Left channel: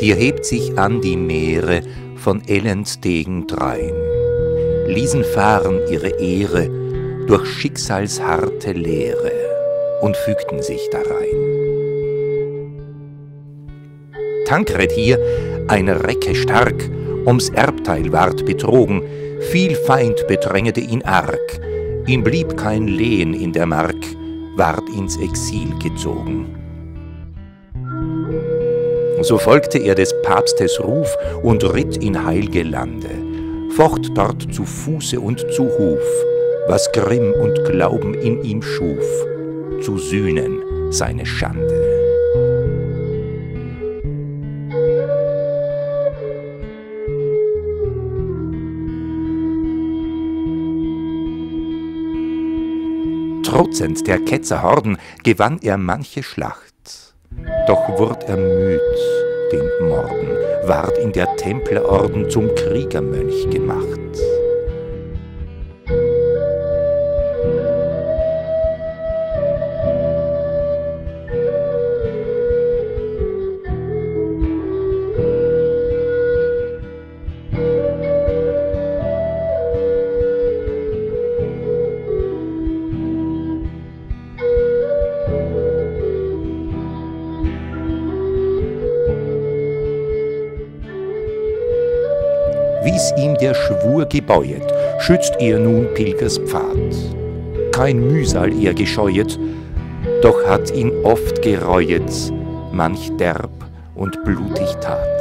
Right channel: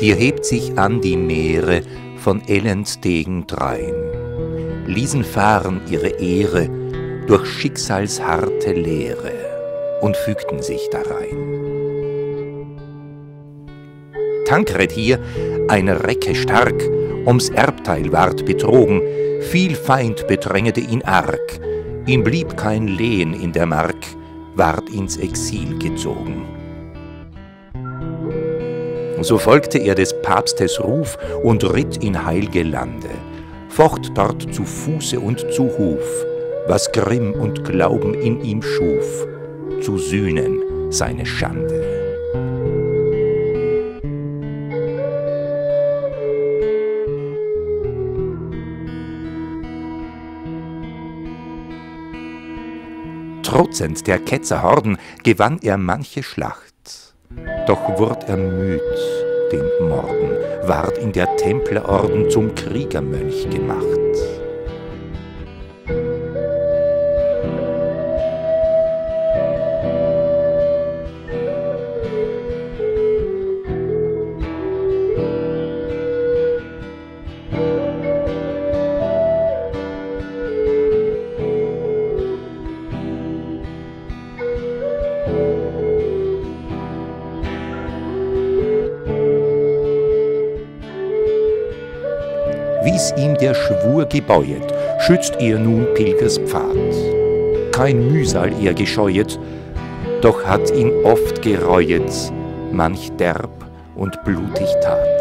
Hier hebt sich an die Meere von Ellenstegen drein, ließen fahren ihre Ehre durch schicksalsharte Leere und fügten sich darein. Tankred hier, ein Recke stark, ums Erbteil ward betrogen, viel Feind bedrängete ihn arg, ihm blieb kein Lehen in der Mark, ward ins Exil gezogen. So folgte er des Papstes Ruf und ritt in heilge Lande, focht dort zu Fuße und zu Huf, was Grimm und Glauben in ihm schuf, zu sühnen seine Schande. Trotzend der Ketzer Horden gewann er manche Schlacht. Doch wurd er müd, dem Morden, ward in der Templerorden zum Kriegermönch gemacht. Wie's ihm der Schwur gebeuet, schützt er nun Pilgers Pfad. Kein Mühsal er gescheuet, doch hat ihn oft gereuet, manch derb und blutig Tat.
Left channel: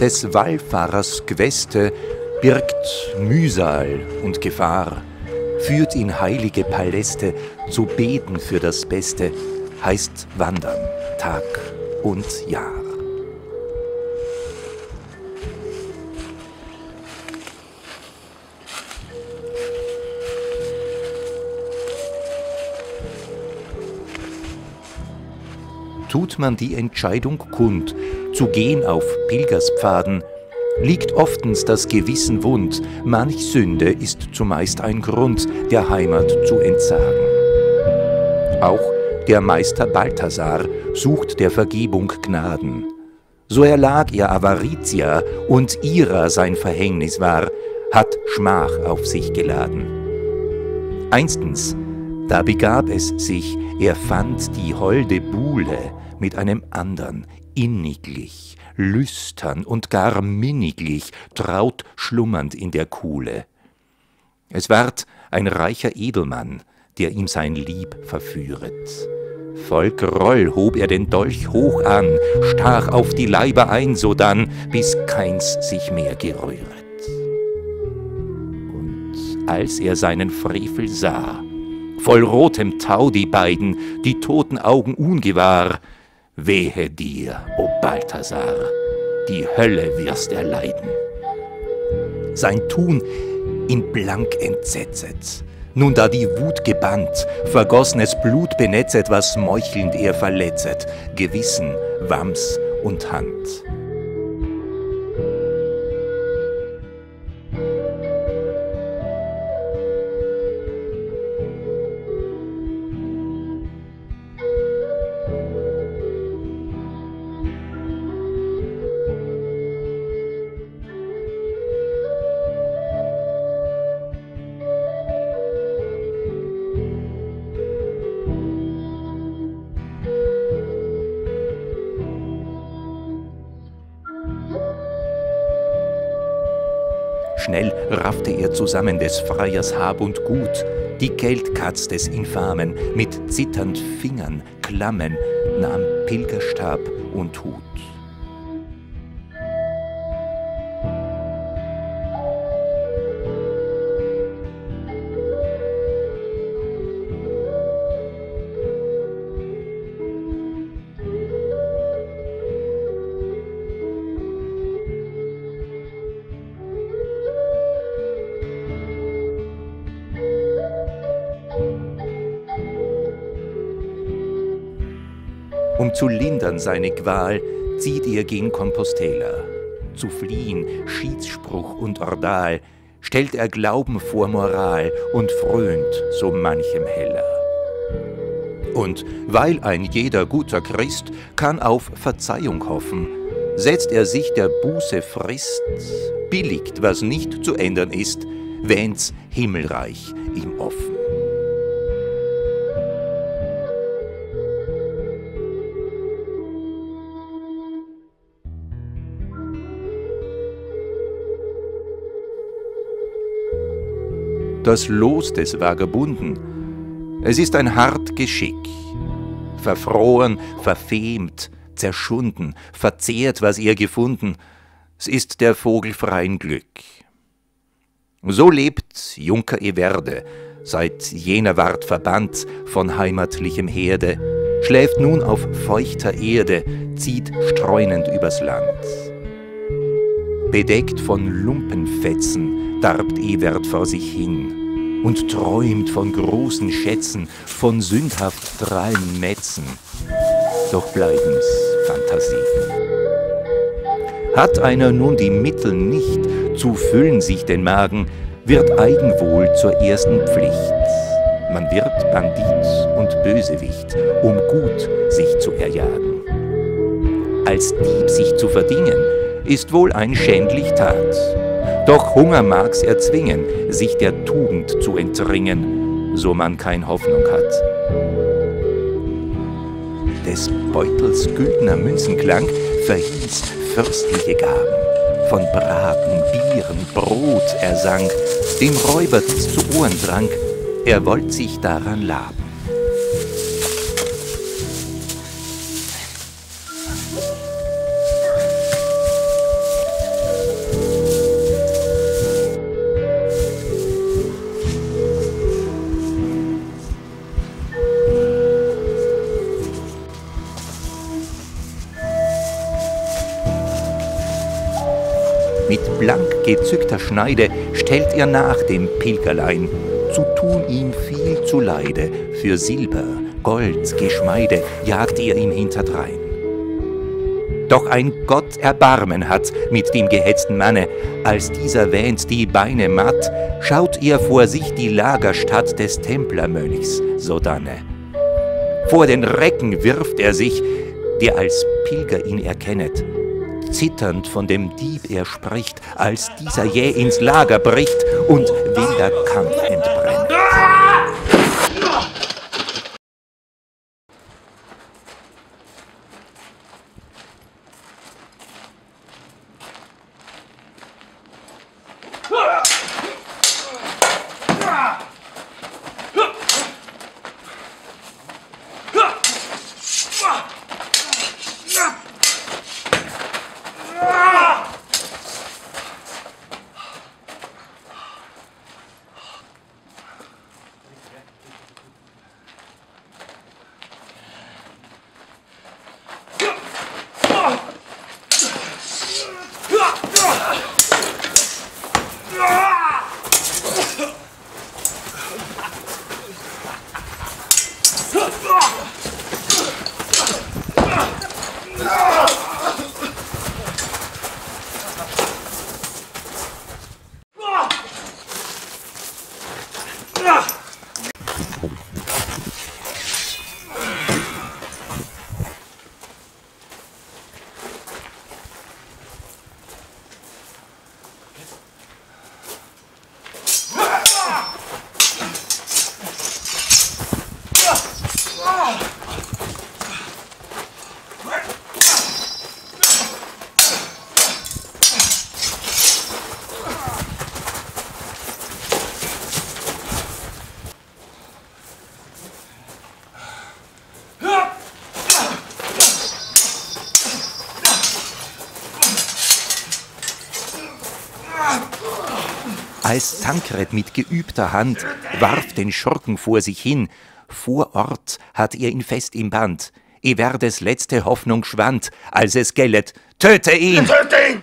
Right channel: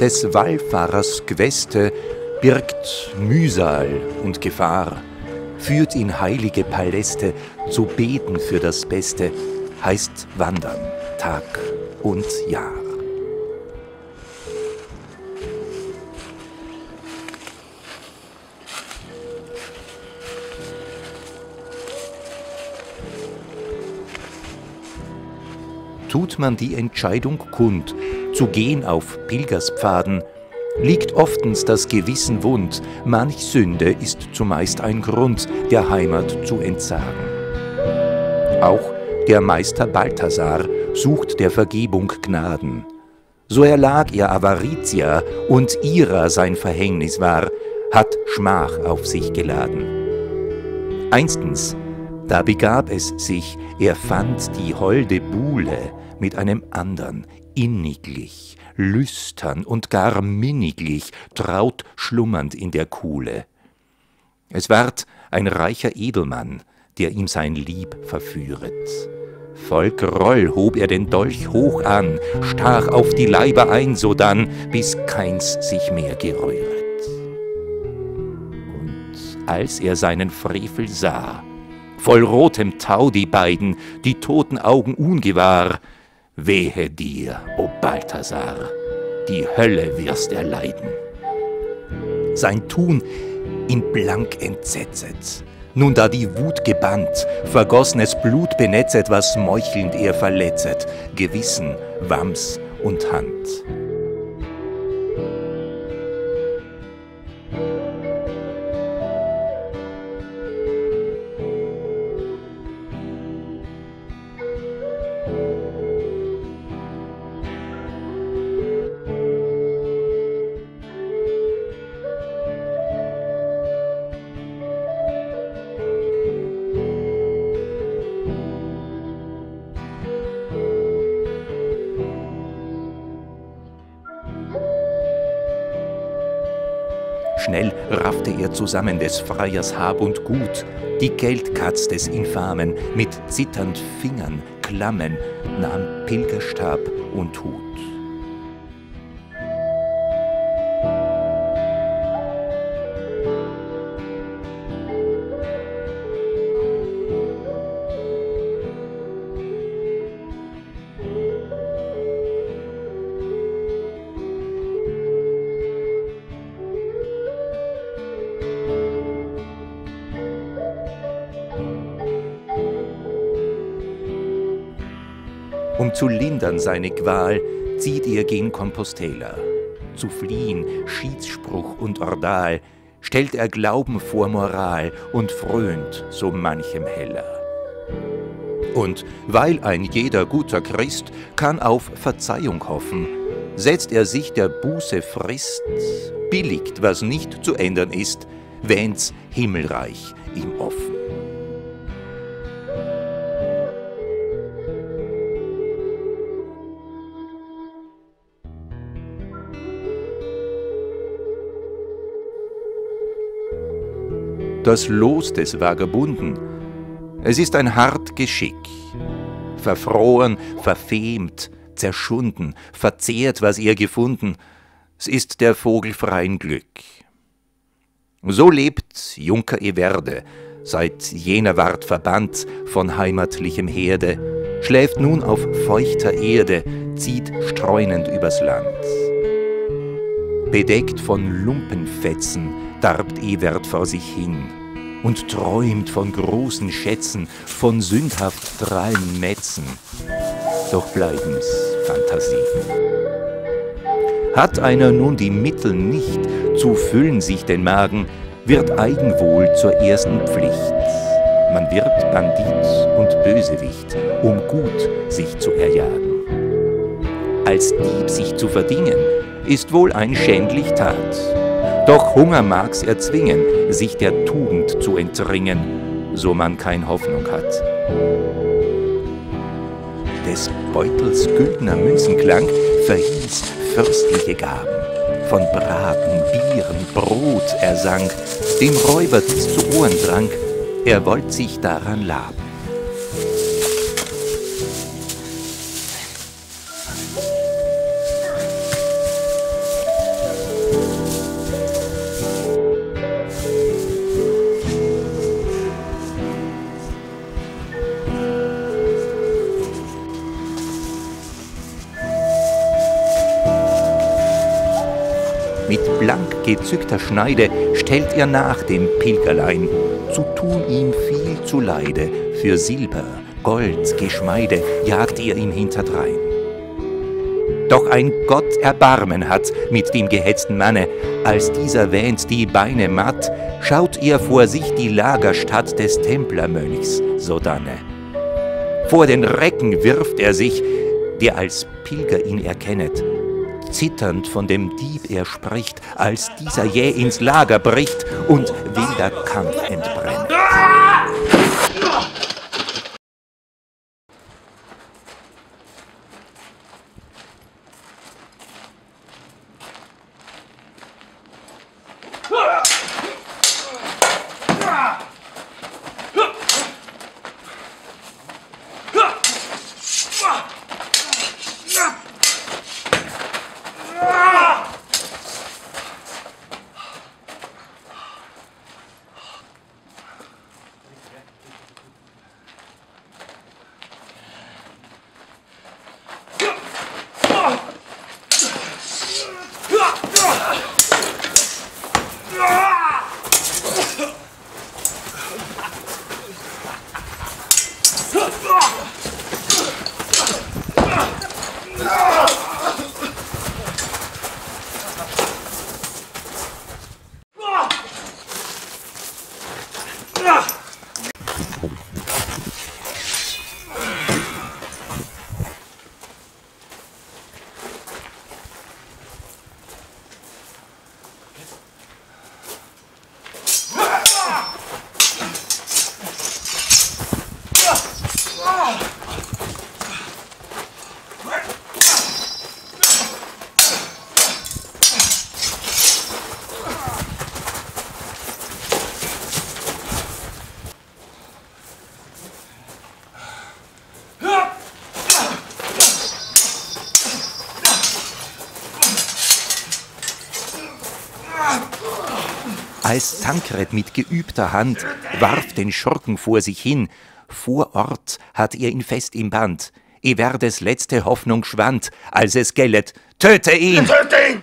Des Wallfahrers Queste birgt Mühsal und Gefahr, führt in heilige Paläste, zu beten für das Beste, heißt wandern, Tag und Jahr. Tut man die Entscheidung kund, zu gehen auf Pilgerspfaden, liegt oftens das Gewissen wund, manch Sünde ist zumeist ein Grund, der Heimat zu entsagen. Auch der Meister Balthasar sucht der Vergebung Gnaden. So erlag er Avaritia und ihrer sein Verhängnis war, hat Schmach auf sich geladen. Einstens, da begab es sich, er fand die holde Buhle mit einem andern, inniglich, lüstern und gar minniglich, traut schlummernd in der Kuhle. Es ward ein reicher Edelmann, der ihm sein Lieb verführet. Voll Groll hob er den Dolch hoch an, stach auf die Leiber ein, sodann, bis keins sich mehr gerühret. Und als er seinen Frevel sah, voll rotem Tau die beiden, die toten Augen ungewahr, wehe dir, o Balthasar, die Hölle wirst erleiden. Sein Tun ihn blank entsetzet, nun da die Wut gebannt, vergossnes Blut benetzet, was meuchelnd er verletzet, Gewissen, Wams und Hand. Schnell raffte er zusammen des Freiers Hab und Gut, die Geldkatz des Infamen, mit zitternd Fingern, Klammen, nahm Pilgerstab und Hut. Um zu lindern seine Qual, zieht er gen Compostela. Zu fliehen, Schiedsspruch und Ordal, stellt er Glauben vor Moral und fröhnt so manchem Heller. Und weil ein jeder guter Christ kann auf Verzeihung hoffen, setzt er sich der Buße Frist, billigt, was nicht zu ändern ist, wähnt's Himmelreich ihm offen. Das Los des Vagabunden, es ist ein hart Geschick, verfroren, verfemt, zerschunden, verzehrt, was er gefunden, es ist der Vogel freien Glück. So lebt Junker Everde, seit jener ward verbannt von heimatlichem Herde, schläft nun auf feuchter Erde, zieht streunend übers Land. Bedeckt von Lumpenfetzen darbt Everd vor sich hin und träumt von großen Schätzen, von sündhaft drallen Metzen, doch bleiben's Fantasien. Hat einer nun die Mittel nicht, zu füllen sich den Magen, wird Eigenwohl zur ersten Pflicht. Man wird Bandit und Bösewicht, um gut sich zu erjagen. Als Dieb sich zu verdingen, ist wohl ein schändlich Tat. Doch Hunger mag's erzwingen, sich der Tugend zu entringen, so man kein Hoffnung hat. Des Beutels güldner Münzenklang verhieß fürstliche Gaben. Von Braten, Bieren, Brot er sang, dem Räuber dies zu Ohren drang, er wollt sich daran laben. Mit blank gezückter Schneide stellt er nach dem Pilgerlein, zu tun ihm viel zuleide, für Silber, Gold, Geschmeide jagt er ihm hinterdrein. Doch ein Gott Erbarmen hat mit dem gehetzten Manne, als dieser wähnt die Beine matt, schaut er vor sich die Lagerstatt des Templermönchs sodanne. Vor den Recken wirft er sich, der als Pilger ihn erkennet. Zitternd von dem Dieb er spricht, als dieser jäh ins Lager bricht und wilder Kampf entbrennt. Als Tankred mit geübter Hand warf den Schurken vor sich hin, vor Ort hat er ihn fest im Band. Everdes letzte Hoffnung schwand, als es gellet, töte ihn! Töte ihn!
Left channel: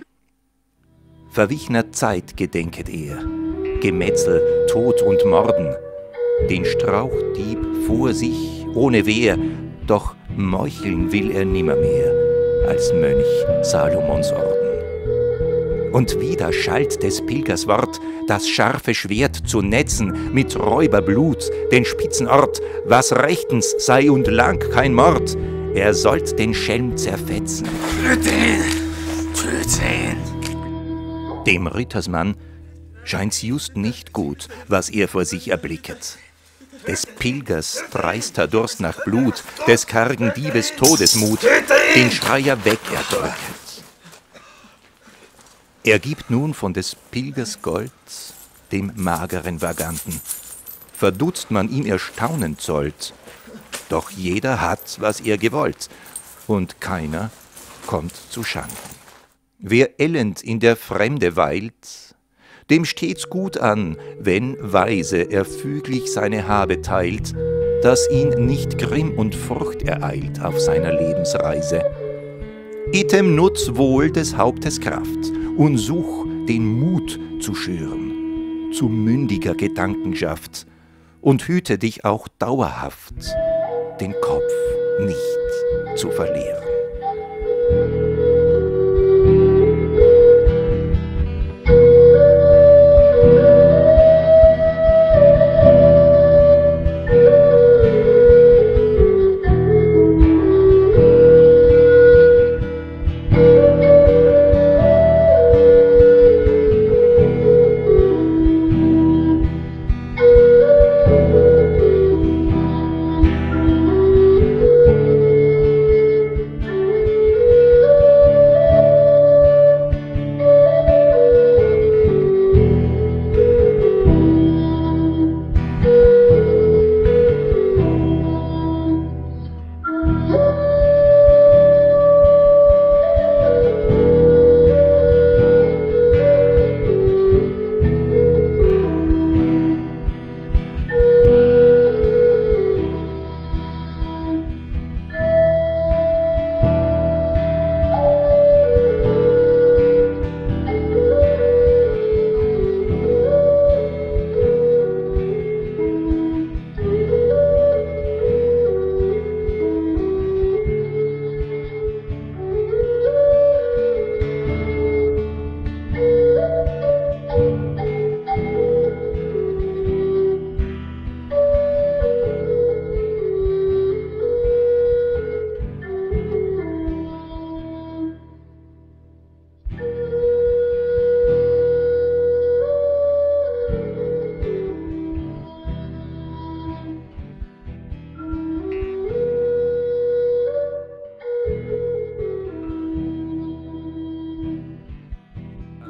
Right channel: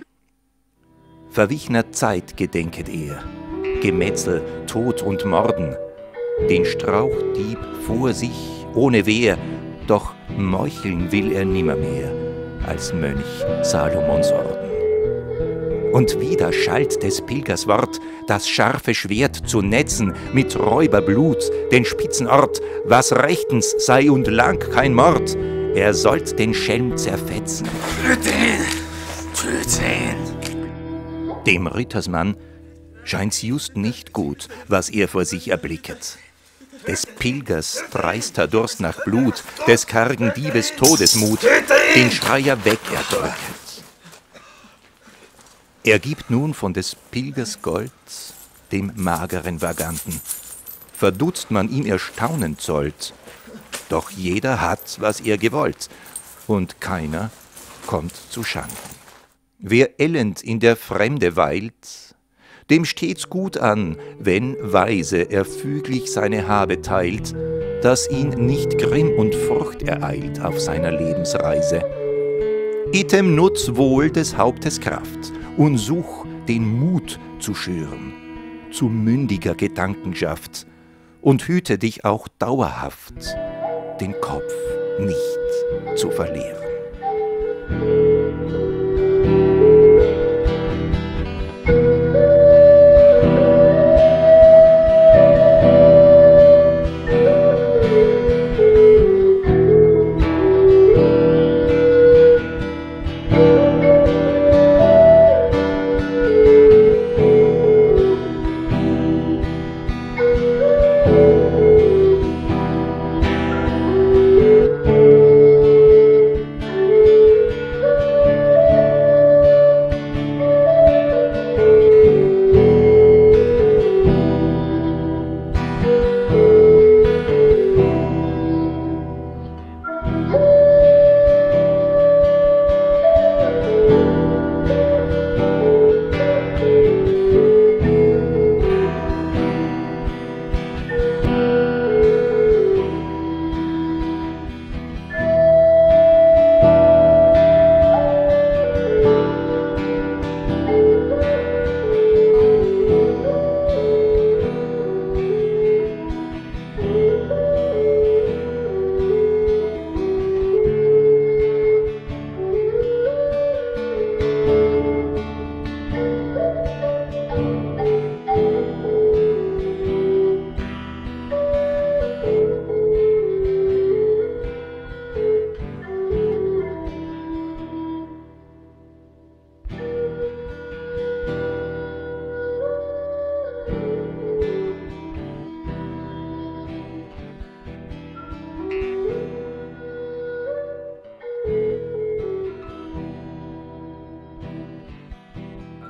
Verwichner Zeit gedenket er, Gemetzel, Tod und Morden. Den Strauchdieb vor sich, ohne Wehr, Doch meucheln will er nimmermehr als Mönch Salomons Orden. Und wieder schallt des Pilgers Wort, das scharfe Schwert zu netzen, mit Räuberblut den spitzen Ort, was rechtens sei und lang kein Mord, er sollt den Schelm zerfetzen. Töte ihn! Töte ihn! Dem Rittersmann scheint's just nicht gut, was er vor sich erblicket. Des Pilgers dreister Durst nach Blut, des kargen Diebes Todesmut, den Schreier weg erdrücket. Er gibt nun von des Pilgers Gold dem mageren Vaganten. Verdutzt man ihm Erstaunen zollt, doch jeder hat, was er gewollt, und keiner kommt zu Schanden. Wer elend in der Fremde weilt, dem steht's gut an, wenn weise er füglich seine Habe teilt, dass ihn nicht Grimm und Furcht ereilt auf seiner Lebensreise. Item nutz wohl des Hauptes Kraft und such den Mut zu schüren, zu mündiger Gedankenschaft und hüte dich auch dauerhaft, den Kopf nicht zu verlieren.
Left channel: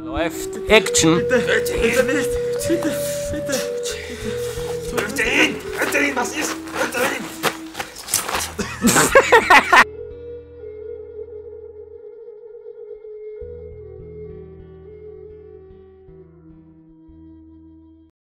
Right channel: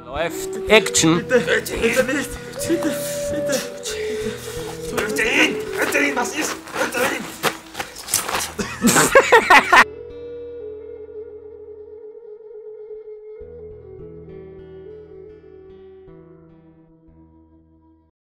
Läuft. Action! Bitte nicht! Bitte! Töte ihn! Was ist? Töte ihn!